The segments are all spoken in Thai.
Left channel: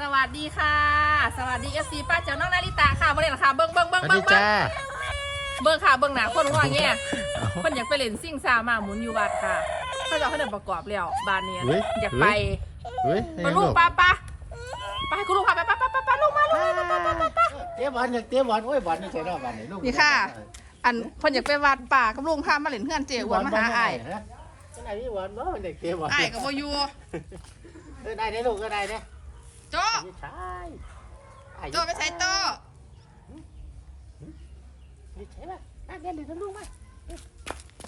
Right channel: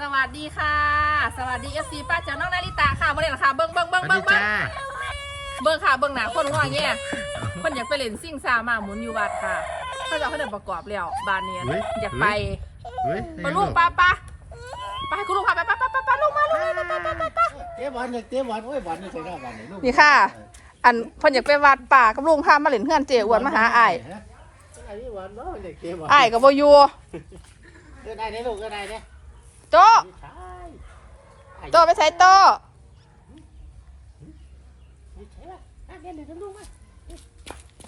สวัสดีค่ะ สวัสดีเอฟซีป้าเจ้าน้องนาริตาค่ะมาเลยเหรอค่ะเบิ้งเบิ้งสเบิ้งวัสเบิ้ดีงเบิ้งจ้าเบิ้งค่ะเบิ้งหนาคนว่าเงี้ยคนอยากไปเล่นซิ่งซามาหมุนอยู่บัดค่ะเขาจะเอาเขาเดินประกอบแล้วบานเนียนอยากไปเฮ้ยมาลูกป้าป้าไปให้คุณลูกพาไปป้าป้าป้าป้าลูกมาลูกมาป้าป้าป้าป้าเจ๊บอลอยากเจ๊บอลโอ้ยบอลนี่ใช่รอบวันไหนลูกนี่ค่ะ อันเพิ่นอยากไปวัดป่ากับลุงพามาเล่นเพื่อนเจอ้วนมาหาอ้ายฮะไอ้นี่บอลบ่มันอยากเจ๊บอลอ้ายก็บ่อยู่เออได้ได้ลูกเออได้ได้ โจไม่ใช่โจไปใส่โตไม่ใช่ป่ะอะเดี๋ยวเดี๋ยวลูกมา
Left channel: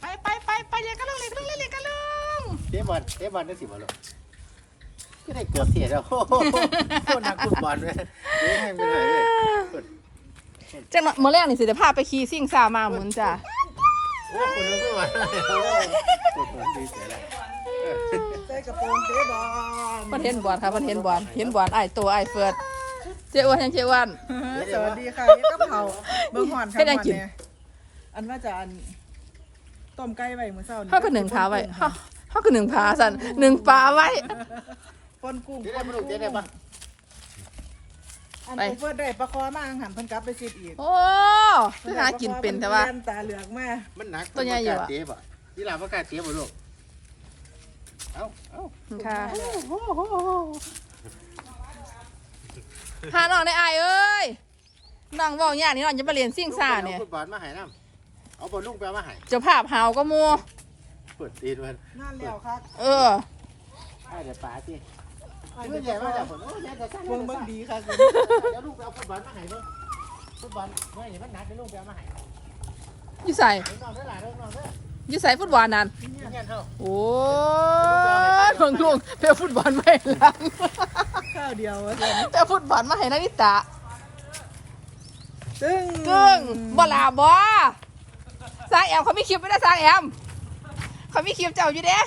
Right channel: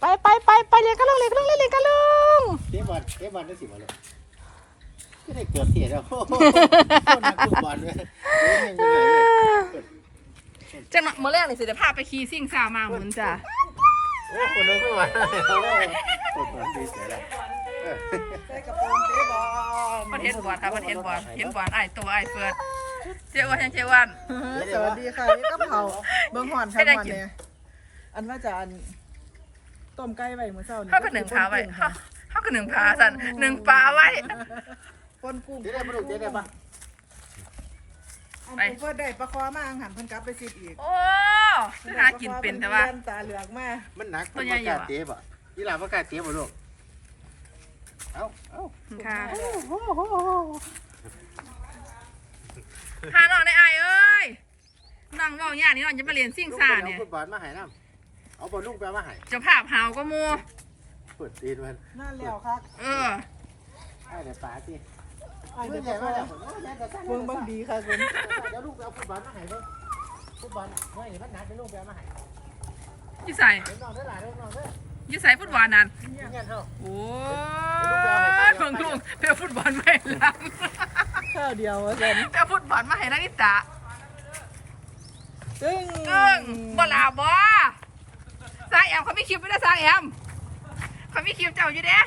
ไปไปไปไปเล่นกันลุงเล่นกันลุงเล่นเล่นกันลุงเจ๊บอลเจ๊บอลได้สิบอลลูกก็ได้เกือบเสียแล้วโอ้โหโคตรนักฟุตบอลเลยเจ๊ให้มันเลยจังหวะเมื่อแรกนี่สิจะพาไปขี่ซิ่งซามาหมุนจ้ะโอ้คนนั้นฟุตบอลโอ้คนนั้นดีเสียแล้วเออ มันเห็นบอลครับมันเห็นบอลเห็นบอลไอ้ายตัวไอ้ายเฟิร์ดเจ้อ้วนเห็นเจ้อ้วนสวัสดีค่ะนี่ก็เผาเบิ้งหอนครับให้ได้หอนกินเนี่ยอันว่าจะอันต้มไก่ไว้มื้อเช้านี่เขาก็หนึ่งพาไว้เขาเขาก็หนึ่งพาสันหนึ่งปลาไว้ปนกุ้งเจ๊ได้มาลูกเจ๊ได้ปะอันไปไปเพิ่นได้ปลาคอมาอังหันเพิ่นกลับไปซิดอีก โอ้คือหากินเป็นแต่ว่าเพิ่นตาเหลือกมามันหนักตัวใหญ่อยู่ประกาศอะเจ๊ป่ะยี่หลาประกาศเจ๊ป่ะลูก เอ้าเอ้าค่ะหาน้องในไอายเอ้ยน้องบอกอย่างนี้น้องจะไปเรียนซิ่งซ่าเนี่ยลูกไปเอาฟุตบอลมาให้น้ำเอาบอลลูกไปเอามาให้เจะภาพหาวก็มัวเปิดตีนมันนั่นแล้วครับ เออให้เดี๋ยวป๋าสิเมื่อใหญ่มากเลยผมโอ้ยใหญ่แต่สั้นเบิ่งแต่เบิ่สั้งนดีค่ะคุณเดี๋ยวลูกไปเอาฟุตบอลมาให้เบ้างฟุตบอลเมื่อเห็นมันหนักเดี๋ยวลูกไปเอามาให้อยู่ใส่เดี๋ยวน้องเด้อหลานเด้อน้องเด้อ อยู่ใส่ฟุตบอลนั่นเงี้ยเท่าโอ้ยเพิ่งลุงเพื่อฟุตบอลไม่หลังข้าวเดียวว่าซั่นเพื่อฟุตบอลมาให้นาริตะซึ่งกึ้งบ่ลาบ่สร้างแอมเขาไม่คลิปไม่ได้สร้างแอมเขาไม่คลิปเจ้าอยู่เด้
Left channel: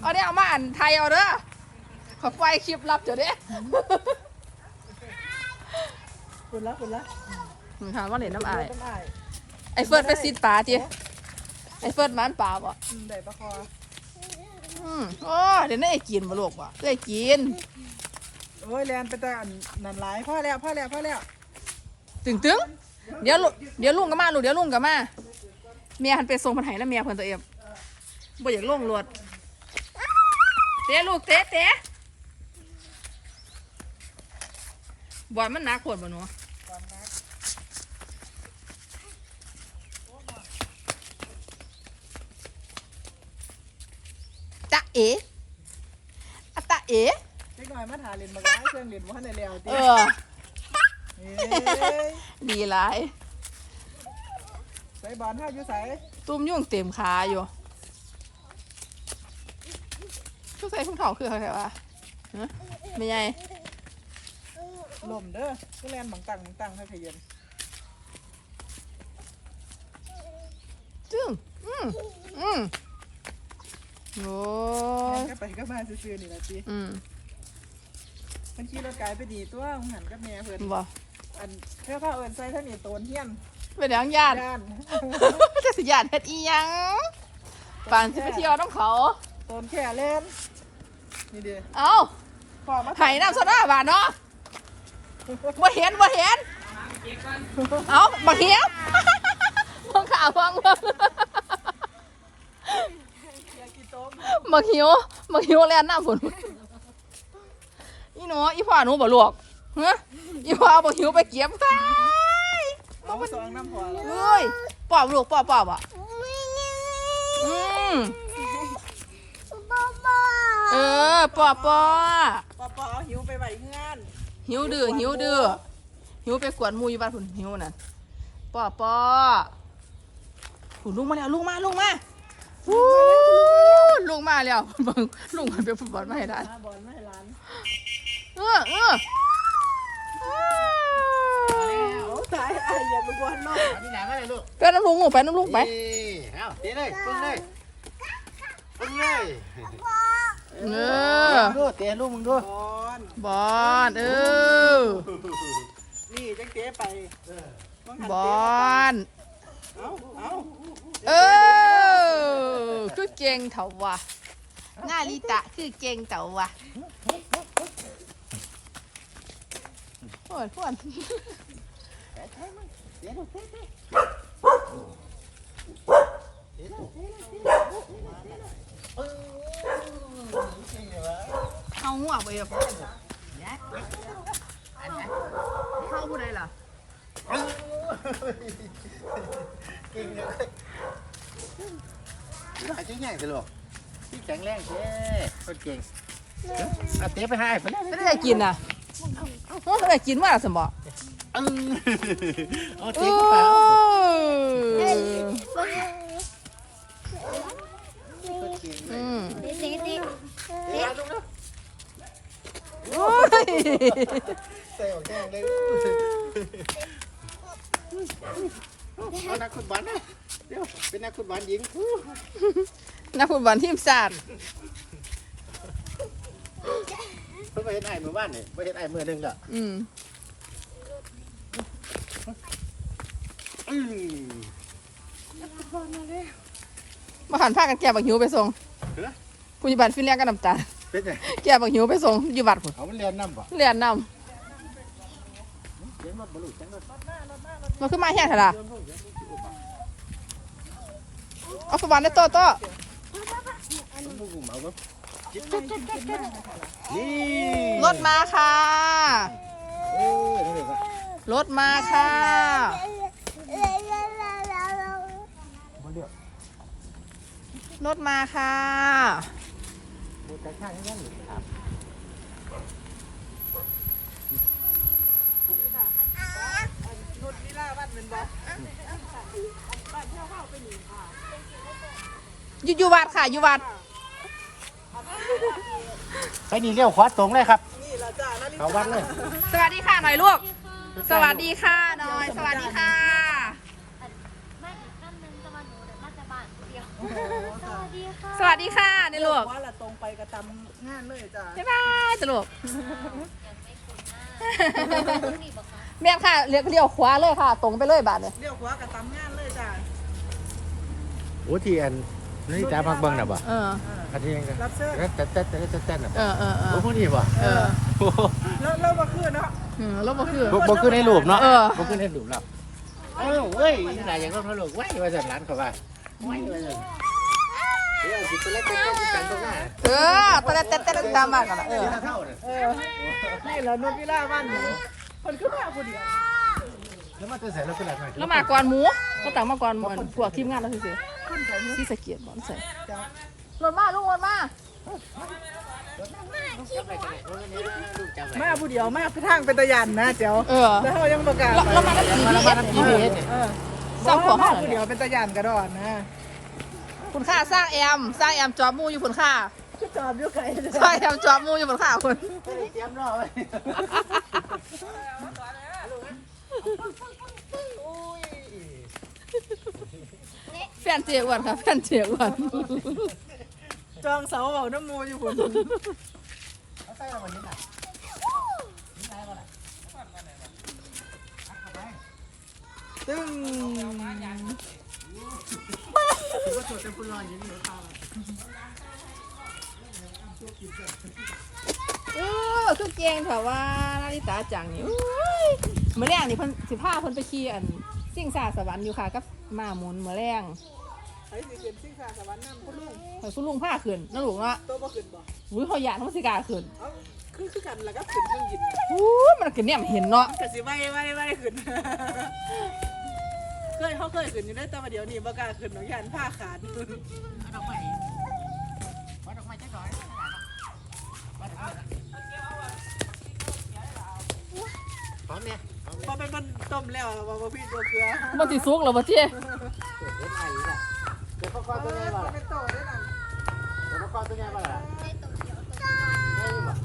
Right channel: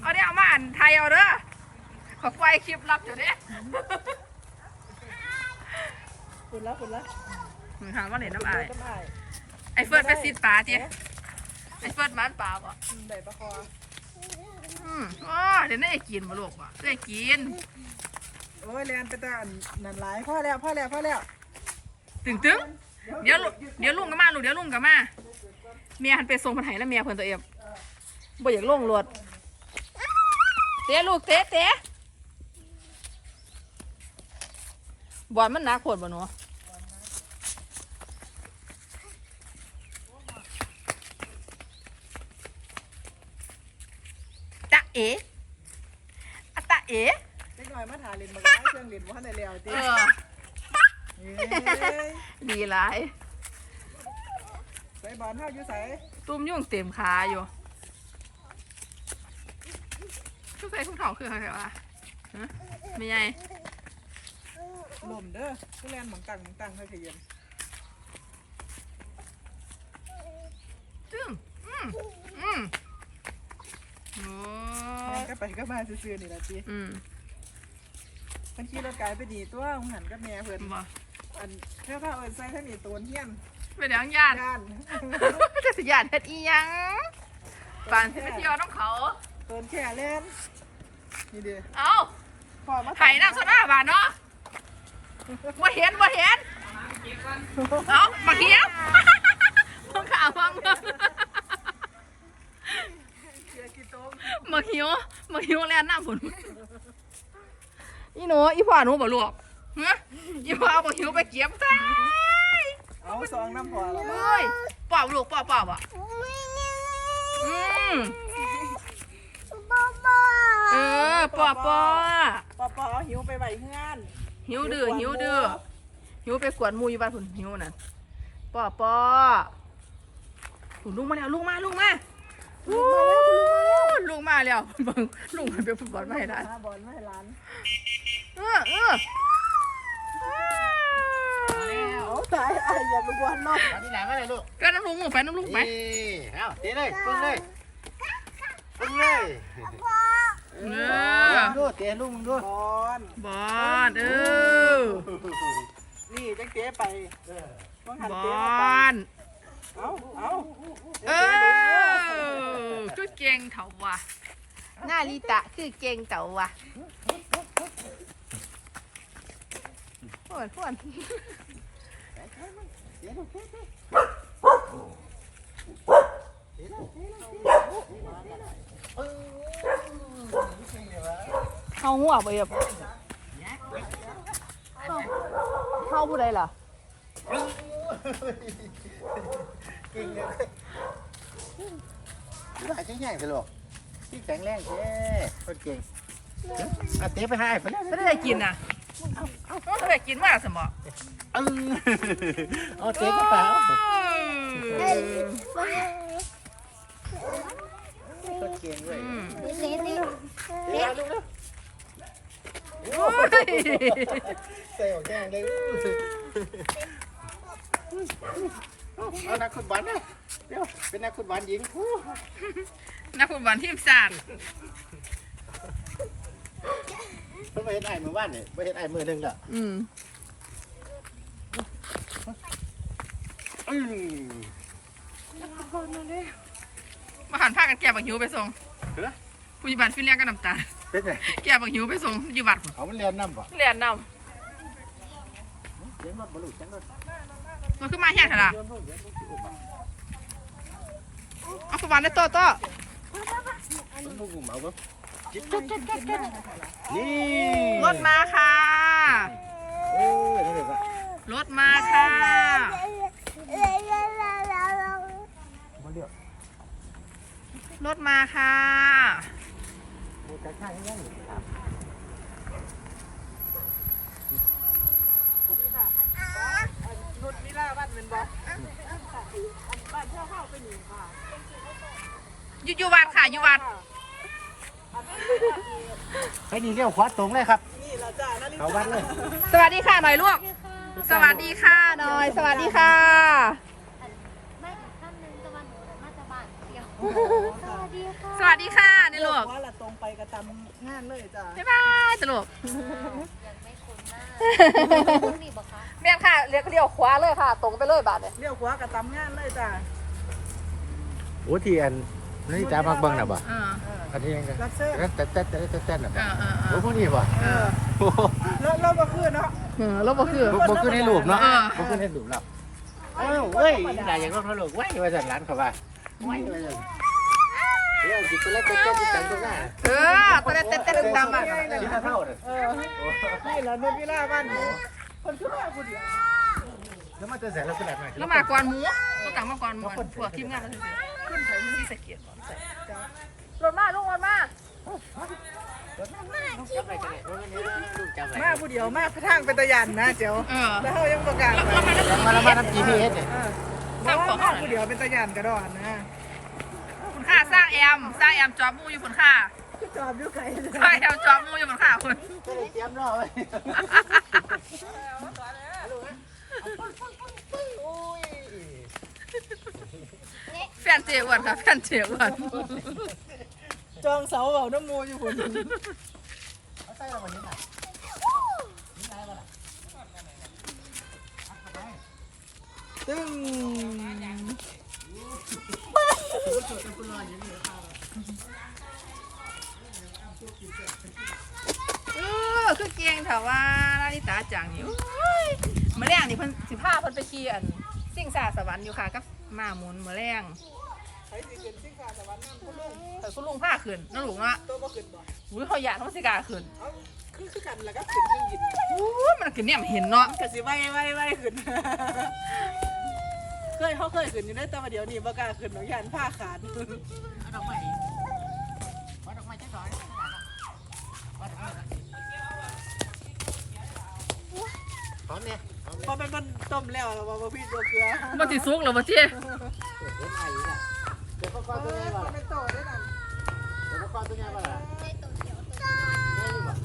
เอาเนี่ยเอามาอ่านไทยเอาเด้อเขาปล่อยคลิปลับเจ้าเด้คุณละคุณละมึงถามว่าเห็นน้ำอายไอเฟิร์ดไปซีดปลาจี ไอเฟิร์ดมันปลาบ่ได้ปลาคออืมโอ้เดี๋ยวนี้ไอ้กินบ่ลูกบ่ได้กิน โอ้ยแลนไปแต่อันนั่นหลายพ่อแล้วพ่อแล้วพ่อแล้วตึงตึงเดี๋ยวลูกเดี๋ยวลุงก็มาลูกเดี๋ยวลุงก็มาเมียหันไปส่งมันไห้แล้วเมียเพิ่นตัวเองบ่อยากลงรถเตะลูกเตะเตะบอลมันหนักโคตรบ่หนูตะ เอ๋อะตะเอ๋นิดหน่อยมาถาเล่นมาได้เครื่องเล่นบ่ทันได้แล้วติเออเอ้ยดีหลาย ใส่บอลเฮาอยู่ไสตุ้มยุ่งเต็มขาอยู่ทุกใส่ทุ่งเถาคืออะไรวะฮะไม่ใหญ่ลมเด้อคือแลนบังตังบังตังให้ขยันจึ้งอืมอืมโอ้แลน ก็ไปก็มาซื่อๆนี่ล่ะติอืมมันขี่รถไกลไปดีตัวมึงหันกับแม่เพิ่นบ่อันแค่พาเอิญใส่ท่านี่โตนเฮียนเป็นหยังญาติย่านจะสิญาติเฮ็ดอีหยังปานสิไปเที่ยวน้ำเขา โตนแค่เล่นนี่เด้อเอ้าพอมาไห้น้ำโซดาบานเนาะบ่เห็นบ่เห็น เอ้าบักเหี้ยบังข่าวบังบังอยากกินโต มมักหิวมักหิวแล่นหน้าฝนอีหนูอีพ่อหนูบ่ลวกฮะอีพ่อเอาบักหิวไปเก็บไปเอาซองน้ำพอแล้วเอ้ยป้อบลูกป้อบป้อบอะอืมเออป้อป้อปอปอหิวไปไหวเฮือนหิวดื้อหิวดื้อหิวไปกวนหมูอยู่บ้านพุ่นหิวน่ะป้อป้อพุ่นลุงมาแล้วลุงมาลุงมาวู้ ลุงมาแล้วเบิ่งลุงมันไปฟุตบอลมาให้ได้หาบอลมาให้ร้านเออเออเอาสายไอ้อย่าไปบอลเนาะเอาที่ไหนมาเลยลูกไปน้ำลุงลูกไปน้ำลุงไปนี่เอาเตะเลยปึ้งเลยปึ้งเลยเออดูเตะลูกมึงดูบอลบอลเออนี่จังเจ๊ไปบังหันบเจ๊อมาไปลเอาเอาเออ คือเก่งเถาว่ะหน้าลิตะคือเก่งเถาว่ะอ้วนอ้วนเดี๋ยวเดี๋ยวเดี๋ยวเดี๋ยวเดี๋ยวเดี๋ยวเดี๋ยวเออจริงเหรอวะเข้าหัวไปแบบเข้าผู้ใดล่ะเออเก่งเลย อาจจะง่ายกันหรอกที่แข็งแรงเจ้คนเก่งเดี๋ยวอาเตะไปให้ไปเลยไม่ได้กินนะเอาไม่ได้กินมาสมบ่เออเอาเตะเข้าไปอืมสีสีเตะดูนะโอ้ยเตะแข็งเลยเอานักขุดบอลนะเดี๋ยวเป็นนักขุดบอลหญิงนักฟุตบอลทีมชาติเพิ่งไปเห็นไอ้มือบ้านนี่ไปเห็นไอ้มือหนึ่งละอืมอืมมาหันผ้ากันแก้บักหิวไปส่งเฮ้ยผู้ยิบัตรฟินแลนด์ก็น้ำตา เป็นไงแก้บักหิวไปส่งอยิบัตรพุ่นเอามันเรียนน้ำป่ะเรียนนเรียนรถบรรลุจังรถำมันขึ้นมาแห่เถอะล่ะ เรียนรถเรียนรถสิอุบอะ เอาฟุตบอลได้โตโตมันบุกเหมาบ่จิ๊บจิ๊บจิ๊บจิ๊บจิ๊บนี่รถมาค่ะเออนี่เลยป่ะรถมาค่ะบ่เรียกรถมาค่ะ โบจักข้างยังอยู่ครับ นุชมิล่าบ้านเป็นบ่บ้านเช่าเข้าไปหนีค่ะอยู่อยู่วัดค่ะอยู่วัดไปนี่เลี้ยวขวาตรงเลยครับนี่แหละจ้านาฬิเขาวัดเลย สวัสดีค่ะหน่อยลูก สวัสดีค่ะหน่อย สวัสดีค่ะสวัสดีค่ะนี่ลูกว่าละตรงไปกระตำงานเลยจ้าบ๊ายบายสรุป แม่นค่ะเลี้ยวเลี้ยวขวาเลยค่ะ ตรงไปเลยบาทเนี่ยเลี้ยวขวากระตำงานเลยจ้าโอ้ที่อันนี่จ้าพักเบิ้งน่ะบ่เออ อันนี้ยังไงรับเสื้อแล้วแต่แต่แต่แต่แต่น่ะเอบ่อเออเอโอ้อพวกนี้บ่เออโอ้โหแล้วแล้วมาขึ้นเนาะเออแล้วบ่คือ บ่บ่ขึ้นในรูปเนาะเออ บ่ขึ้นในรูปแล้วเอ้าเว้ยหลายอย่างรถเขาลูกไว้ว่าสั่นร้านเขาว่าไว้ว่าสั่นเดี๋ยวสิไปแล้วก็ต้องจังตรงหน้าเออตอนแรกเต้นเต้นตามมากกันละเออเท่าเนี่ยเออนี่แหละนุชมิล่าบ้านหนู คนขึ้นมาคนเดียวแล้วมันจะใส่แล้วขนาดไหนแล้วมาก่อนหมูก็ต่างมาก่อนก่อนพวกทีมงานแล้วคือขึ้นใส่ที่สะเกียบบ่ใส่รถมาลูกรถมาจับไปกันเลยโอ้ยนี่ลูกจับไปมาผู้เดียวมาทางเป็นตะยันนะเจ้าเออแล้วเขายังประกาศแล้วแล้วมาแล้วยังมาแล้วมาทำ GPS เนี่ยสร้างของมามาผู้เดียวเป็นตะยันกระดอนนะคุณค่าสร้างแอมสร้างแอมจอบหมูอยู่คุณค่า จอบอยู่ไกลสร้างแอมจอบหมูอยู่คุณค่าคุณเตรียมรอไว้แฟนเจียอ้วนค่ะแฟนเจียอ้วนจองเสาเอาน้ำมูอยู่คนเอาใส่เราวันนี้หน่อยตึ้งเออคือเก่งเถอะว่านาริตาจังนี่อุ้ยเมื่อแรงนี่เพิ่นสิพาเพิ่นไปขี่อันซิ่งซาสวรรค์อยู่ค่ะกับม้าหมุนเมื่อแรงไอ้สิเป็นสิ่งสาสวรรค์นั่นคุณลุงแต่คุณลุงพาขึ้นนั่นลูกเนาะตัวบ่ขึ้นบ่อุ้ยเขาอยากมันสิกล้าขึ้นเอ้าคือคือกันแล้วก็ขึ้นเครื่องบินอุ้ยมันก็เนี่ยเห็นเนาะก็สิไว้ไว้ไว้ขึ้นเคยเขาเคยขึ้นอยู่ได้แต่ว่าเดี๋ยวนี้บ่กล้าขึ้นหรอกยันผ้าขาดเอาดอกไม้ เนี่ยพร้อมพอเป็นมันต้มแล้วว่าบ่พี่ตัวเกลือมันสิสุกเหรอบ่เจ๊เห็นไอ้ละเดี๋ยวพ่อคอตัวใหญ่บ่ล่ะเป็นโตได้นั่นเดี๋ยวพ่อคอตัวใหญ่บ่ล่ะ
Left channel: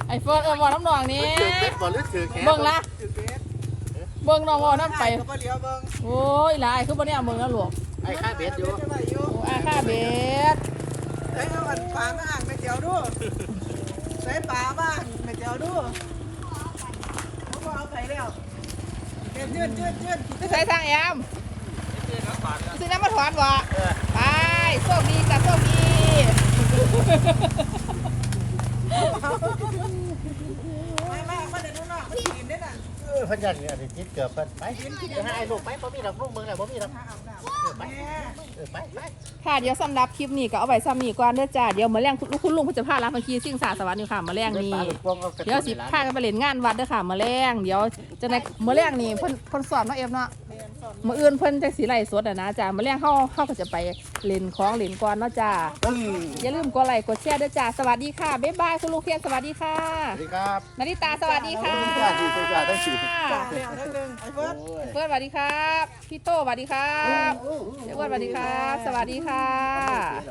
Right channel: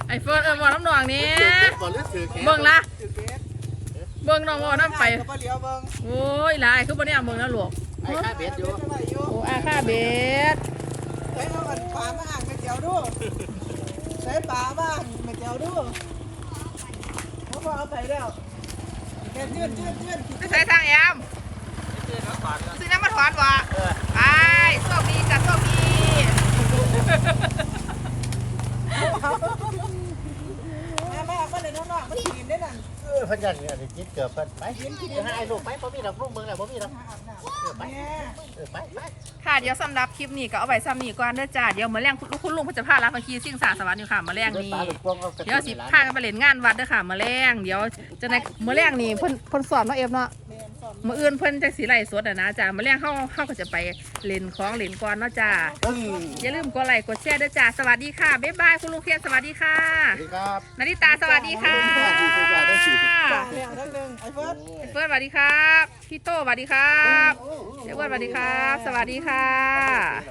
ไอเฟิร์นเออบอกน้ำหนองนี่ถือเก็บบ่หรือถือแขนเบิ่งละถือเกสเบิ่งน้องบอกน้ำไปก็บ่เลี้ยวเบิ่งโอ้ยหลายคือบ่เนี่ยเบิ่งนะลูกไอ้ข้าเบ็ดอยู่ไว้อยู่โอ้อาค่าเบ็ดเฮ้ยเอาอันปลามาอ่างไปเจียวดูใส่ปลาบ้างไปเจียวดูเขาบ่เอาไปแล้ว ไปใส่ทางแอมซื้อน้ำมาถอนบ่เออไปโชคดีจ้ะโชคดีแม่แม่มาเดี๋ยวน้องๆมากินได้นั่นเออยเพันยันเนี่ยจิตเกือบเพิ่นไปจะให้ลูกไปบ่มีดอกลูกเมืองแล้วบ่มีดอก เออไปเออไปไปค่ะเดี๋ยวสำหรับคลิปนี้ก็เอาไว้ซ้ำนี้ก่อนเด้อจ้าเดี๋ยวมื้อแรงคุณคุณลุงเพิ่นจะพาลาพังคีสิ่งสาสวรรค์อยู่ค่ะมื้อแรงนี้เดี๋ยวสิพากันไปเล่นงานวัดเด้อค่ะมื้อแรงเดี๋ยวจะในมื้อแรงนี่เพิ่นเพิ่นสอนเนาะเอฟเนาะมื้ออื่นเพิ่นจังสิไล่สดอะนะจ้ามื้อแรงเฮาเฮาก็จะไปเล่นของเล่นก่อนเนาะจ้าตึ้งอย่าลืมกดไลค์กดแชร์ด้วยจ้าสวัสดีค่ะบ๊ายบายคุณลุงเคียนสวัสดีค่ะสวัสดีครับนาริตาสวัสดีค่ะสวัสดีค่ะ ต้องฉีดเพียงนิดนึงไอ้เฟิร์สเฟิร์สสวัสดีครับ พี่โตสวัสดีครับเจ้อ้วนสวัสดีครับ สวัสดีค่ะ